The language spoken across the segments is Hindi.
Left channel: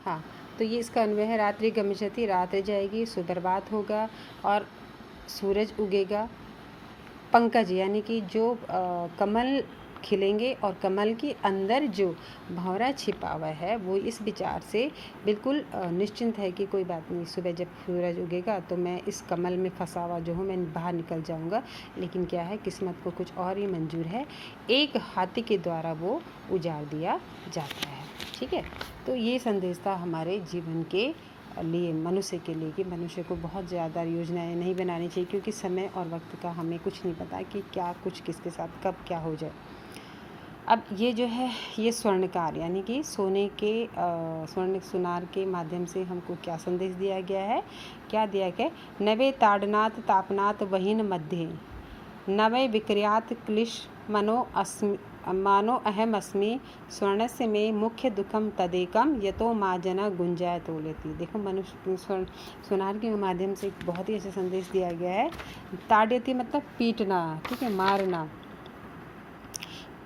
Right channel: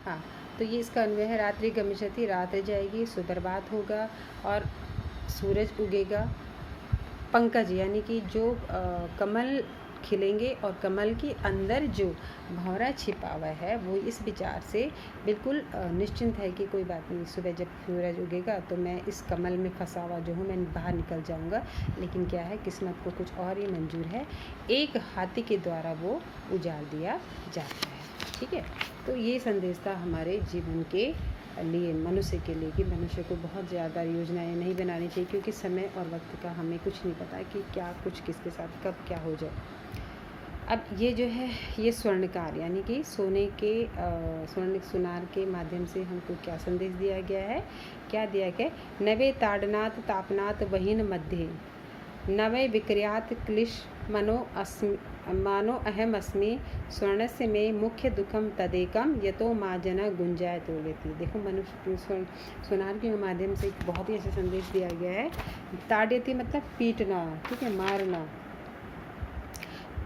हाँ, तो ये इसका अन्वय है, रात्रि गमिष्यति, रात्रि जाएगी, सुप्रभात होगा और सूरज उगेगा। पंकज यानी कि जो कमल खिलेंगे और कमल के अंदर जो भंवरा छिपा हुआ है वो इस विचार से बिल्कुल निश्चिंत है कि कोई बात नहीं, सुबह जब सूरज उगेगा तो मैं इस कमल में फंसा हुआ जो हूँ मैं बाहर निकल जाऊँगा। लेकिन क्या है, किस्मत को कुछ और ही मंजूर है, एक हाथी के द्वारा वो उजाड़ दिया जाता है। ठीक है, तो ये संदेश था हमारे जीवन के लिए, मनुष्य के लिए, कि मनुष्य को बहुत ज़्यादा योजनाएं नहीं बनानी चाहिए, क्योंकि समय और वक्त का हमें कुछ नहीं पता कि क्या कुछ किसके साथ कब क्या हो जाए। अब ये जो है ये स्वर्णकार यानी कि सोने के स्वर्ण सुनार के माध्यम से हमको क्या संदेश दिया गया है, क्या दिया गया, नवे ताड़नाथ तापनाथ वहीन मध्य नवे विक्रियात क्लिश मानो अहम अस्मि स्वर्णस्य में मुख्य दुखम तदेकम यतो माँ जना गुंजाय तो लेती। देखो, मनुष्य सोनार के माध्यम से एक बहुत ही अच्छा संदेश दिया गया है। ताड़यति मतलब पीटना, ठीक है, मारना।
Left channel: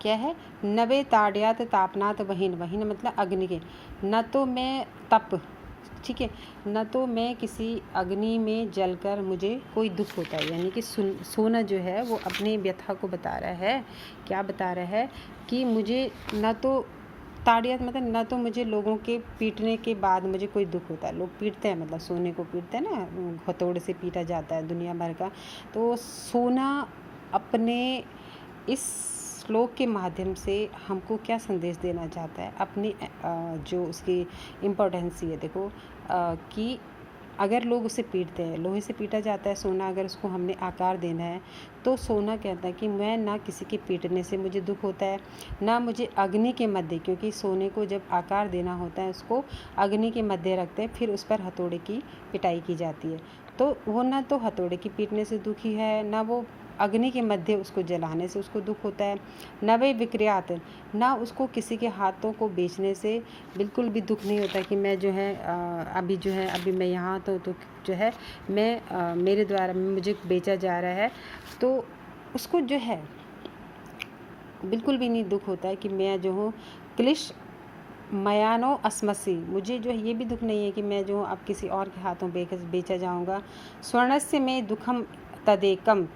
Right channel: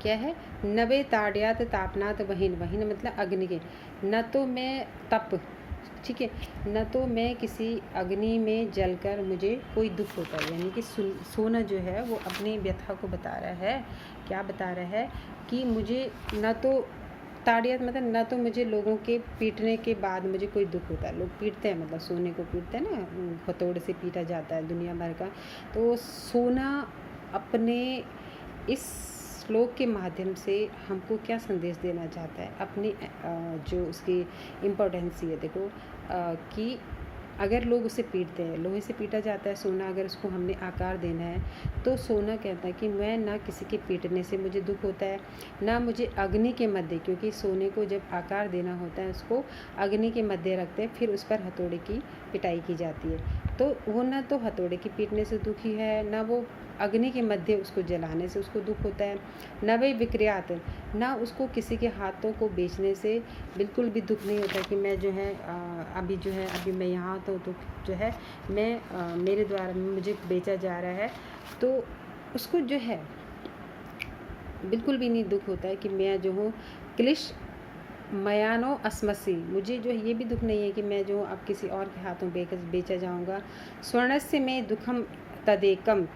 क्या है, नवे ताड़यात तापनात वहीन, वहीन मतलब अग्नि के, न तो मैं तप, ठीक है, न तो मैं किसी अग्नि में जलकर मुझे कोई दुख होता है। यानी कि सोना जो है वो अपनी व्यथा को बता रहा है, क्या बता रहा है कि मुझे न तो ताड़ियत मतलब न तो मुझे लोगों के पीटने के बाद मुझे कोई दुख होता है। लोग पीटते हैं, मतलब सोने को पीटते हैं ना, हथौड़े से पीटा जाता है दुनिया भर का। तो सोना अपने इस श्लोक के माध्यम से हमको क्या संदेश देना चाहता है, अपनी जो उसकी इम्पोर्टेंसी है, देखो कि अगर लोग उसे पीटते हैं, लोहे से पीटा जाता है सोना, अगर उसको हमने आकार देना है तो सोना कहता है कि मैं ना किसी के पीटने से मुझे दुख होता है, ना मुझे अग्नि के मध्य, क्योंकि सोने को जब आकार देना होता है उसको अग्नि के मध्य रखते हैं, फिर उस पर हथौड़े की पिटाई की जाती है। तो वो ना तो हथौड़े की पीटने से दुखी है, ना वो अग्नि के मध्य उसको जलाने से उसको दुख होता है, न वे विक्रियात, ना उसको किसी के हाथों को बेचने से बिल्कुल भी दुख नहीं होता कि मैं जो है अभी मैं यहाँ तो जो है मैं मेरे द्वारा मुझे बेचा जा रहा है, तो उसको जो है बिल्कुल भी नहीं दुख होता है कि मैं जो हूँ क्लिश मयानो अस्मसी, मुझे जो है ये भी दुख नहीं है कि मैं जो अब किसी और के हाथों बेचा जाऊँगा। स्वर्णस्य में दुखम तदेकम,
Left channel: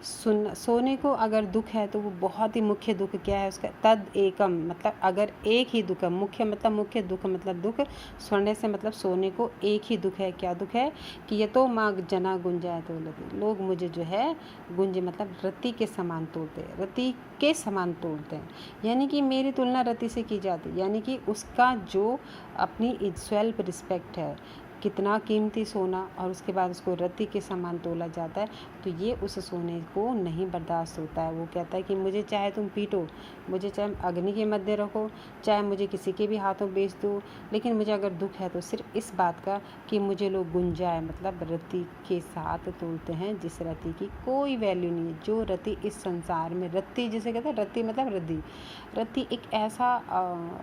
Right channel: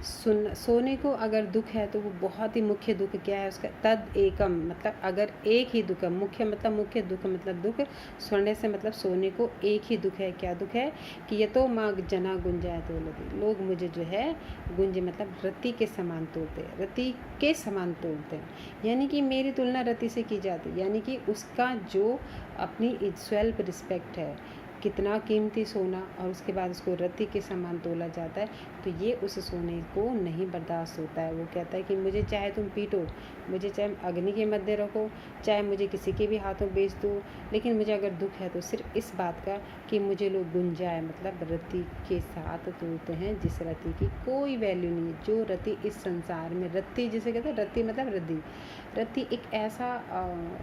सोने को अगर दुख है तो वो बहुत ही मुख्य दुख क्या है उसका, तद एकम मतलब अगर एक ही दुख है, मुख्य मतलब मुख्य, दुख मतलब दुख, स्वर्ण से मतलब सोने को एक ही दुख है, क्या दुख है कि ये तो माँ जना गुंजाए तो लोग मुझे जो है गुंज मतलब रति के समान तोड़ते हैं, रति के समान तोड़ते हैं, यानी कि मेरी तुलना रति से की जाती है, यानी कि उसका जो अपनी सेल्फ रिस्पेक्ट है, कितना कीमती सोना, और उसके बाद उसको रत्ती के समान तोला जाता है, तो ये उस सोने को नहीं बर्दाश्त होता है। वो कहता है कि मुझे चाहे तुम पीटो, मुझे चाहे अग्नि के मध्य रखो, चाहे मुझे किसी के भी हाथों बेच दो, लेकिन मुझे अगर दुख है तो सिर्फ इस बात का कि मुझे लोग गुंजाए मतलब रत्ती के साथ तोलते हैं, जिस रत्ती की कोई वैल्यू नहीं है, जो रत्ती इस संसार में, रत्ती जिसे कहते हैं, रत्ती मतलब रद्दी, रत्ती एक ऐसा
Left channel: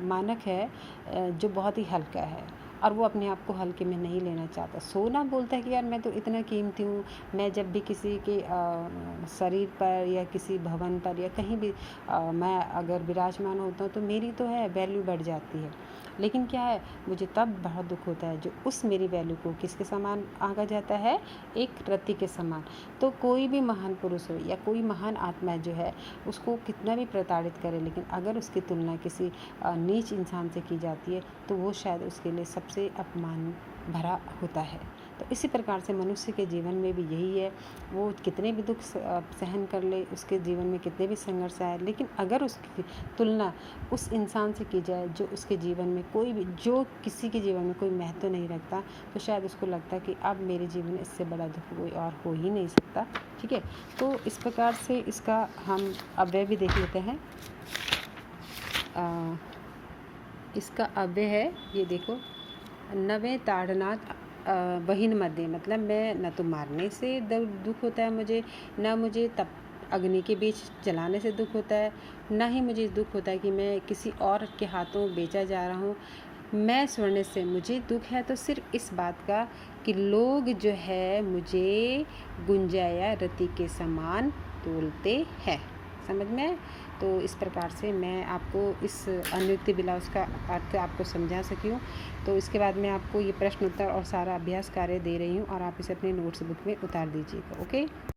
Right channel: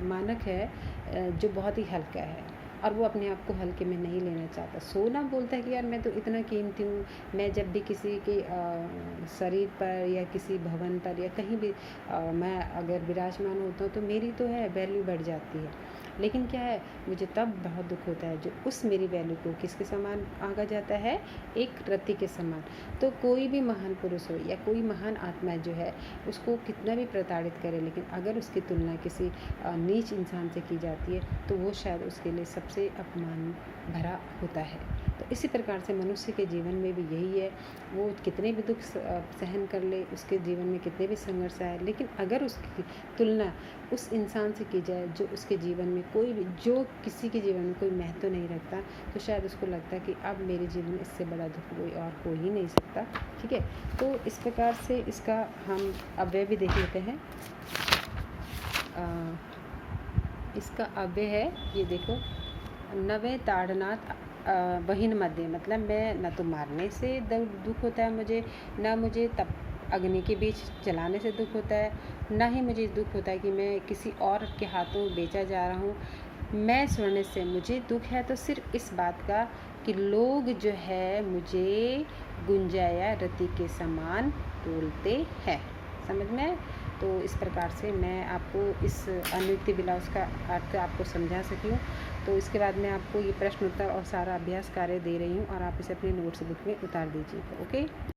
मानक है जो बहुत ही हल्का है और वो अपने आप को हल्के में नहीं लेना चाहता। सोना बोलता है कि यार मैं तो इतना कीमती हूँ, मैं जब भी किसी के शरीर पर या किसी भवन पर या कहीं भी मैं अगर विराजमान होता हूँ तो मेरी तो है वैल्यू बढ़ जाती है। लेकिन क्या है, मुझे तब बहुत दुख होता है जो उस मेरी वैल्यू को किसके समान आंका जाता है, एक रत्ती के समान। तो कोई भी महान पुरुष हो या कोई महान आत्मा जो है उसको कितना भी प्रताड़ित करे, लेकिन अगर उसकी तुलना किसी नीच इंसान से की जाती है तो वो शायद उसके लिए सबसे अपमान भरा होता है। तो इसी प्रकार से मनुष्य के जीवन में भी यही है, वो कितने भी दुख सहन कर ले, उसके जीवन में कितने भी संघर्ष आए, लेकिन अगर उसकी तुलना उस इंसान से की जाए जो उसके जीवन में कोई भी, जो किसी के जीवन में कोई महत्व नहीं रखता, तो शायद उसको लगता है कि अब मेरे जीवन में इससे बड़ा दुख कोई और हो ही नहीं सकता। ठीक है, तो इस प्रकार से इसका हम अव्यय भी देख लेते हैं। इसका अव्यय है, ये देखो, नवे ताड़नाथ बहिन मध्य, मतलब मैं न तो मारने से दुख होता है मुझे, न मुझे तप अग्नि के बीच जलाने से दुख होता है, न ही मुझे दुख होता है कि मैं किसी और के हाथों बेचा जा रहा हूँ। मैं स्वर्ण से मुझे दुख है तो सिर्फ इस बात का कि लोग जो है मुझे गुंजाया रति के समान तोलते हैं। समझ में? तो इस प्रकार से मैं आपको इस अनुयुक्ति ब्लाउज़ का अर्थ आपको समझा सकी हूँ। तो इसके बाद मैं आपको ये प्रश्न उत्तर और सारा अभ्यास कार्य दे रही हूँ और आप इसे अपने नोट्स बुक में उतार दीजिएगा। ओके।